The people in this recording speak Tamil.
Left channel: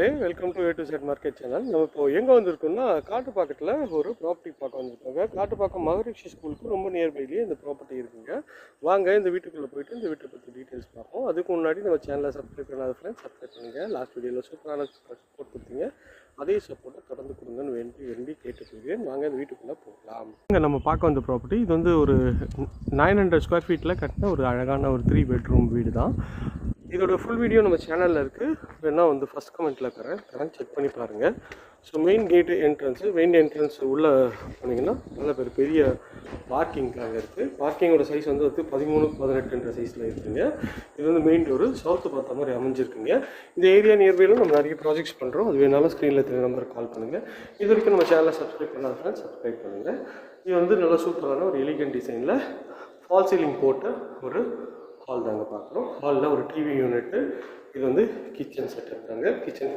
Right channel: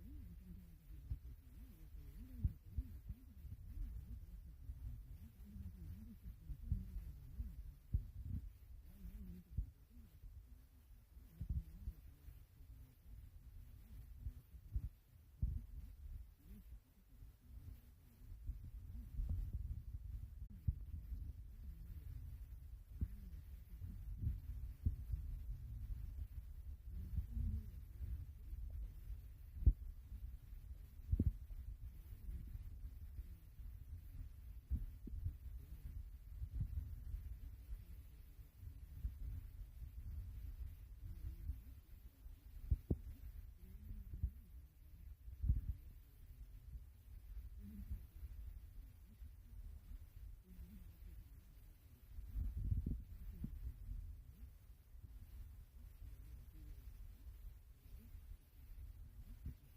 Welcome to A to set market channel. நம்ம இப்போ எங்கே வந்திருக்கோம்னா காட்டுப்பாக்கத்தில் ஒரு ப்ராப்பர்ட்டி பார்க்க வந்திருக்காங்க. காட்டுப்பாக்கம் மகரிஷி ஸ்கூலுக்கு ரொம்ப நியர்பைலேயே இந்த ப்ராப்பர்ட்டி இருக்குங்க. வாங்க இந்த வீட்டுக்குள்ளே போயிட்டு இந்த வீட்டை பற்றி டீட்டெயில்ஸ் பார்ப்போம். அதுக்கு முன்னாடி நம்ம சேனலை சப்ஸ்கிரைப் பண்ணாத ஃப்ரெண்ட்ஸ் சப்ஸ்கிரைப் பண்ணுங்கள். லாஸ்ட் வீடியோவில் சூப்பரான சப்போர்ட் கொடுத்தீங்க, அதே சப்போர்ட்டை தொடர்ந்து கொடுங்கன்னு வேண்டி கேட்டுக்கொள்கிறேன். வாங்க இந்த வீட்டுக்குள்ளே போகலாம். இங்கே நம்ம பார்க்க வந்த ப்ராப்பர்ட்டி இது வந்து ஒரு 900 ஸ்கொயர் ஃபீட்டில் கட்டின ஒரு அழகான ஒரு 3 பெட்ரூம் வீடு தான். இதோட ஃபுல் வீடியோ நம்ம சேனலில் இருக்குது. வேணால் வந்து ஃபஸ்ட் கமெண்ட்டில் தரேன் செக் பண்ணி பாருங்கள். ஸோ மெயின் என்ட்ரன்ஸ் உள்ளே போனீங்கன்னா நல்ல பெரிய பார்க்கிங்காக இருக்குது. பார்க்கிங்கோட சைஸ் வந்து 13x18 சைஸில் இருக்குதுங்க. இது வந்து மெயின் டோரு சவுத்து பார்த்த மாதிரி அமைஞ்சிருக்குங்க. இந்த ஏரியா நியர்பையில் நம்ம நிறைய ப்ராஜெக்ட்ஸ் பண்ணுறோம். அது வேணாலும் ஸ்க்ரீனில் தெரிய நம்பருக்கு கால் பண்ணுங்கள். இது வரைக்கும் நம்ம சேனலை சப்ஸ்கிரைப் பண்ணாத ஃப்ரெண்ட்ஸ் சப்ஸ்கிரைப் பண்ணுங்கள். இது வந்து நல்ல சூப்பரான ஒரு எலிகன்ட் டிசைனில் ஃபால் சீலிங் போட்ட ஒரு ஹால் தாங்க பார்க்குறோம். ஹாலில் ஒரு டிவி யூனிட்டு, இது வந்து கிச்சன் செட்டப் தாங்க. கிச்சன்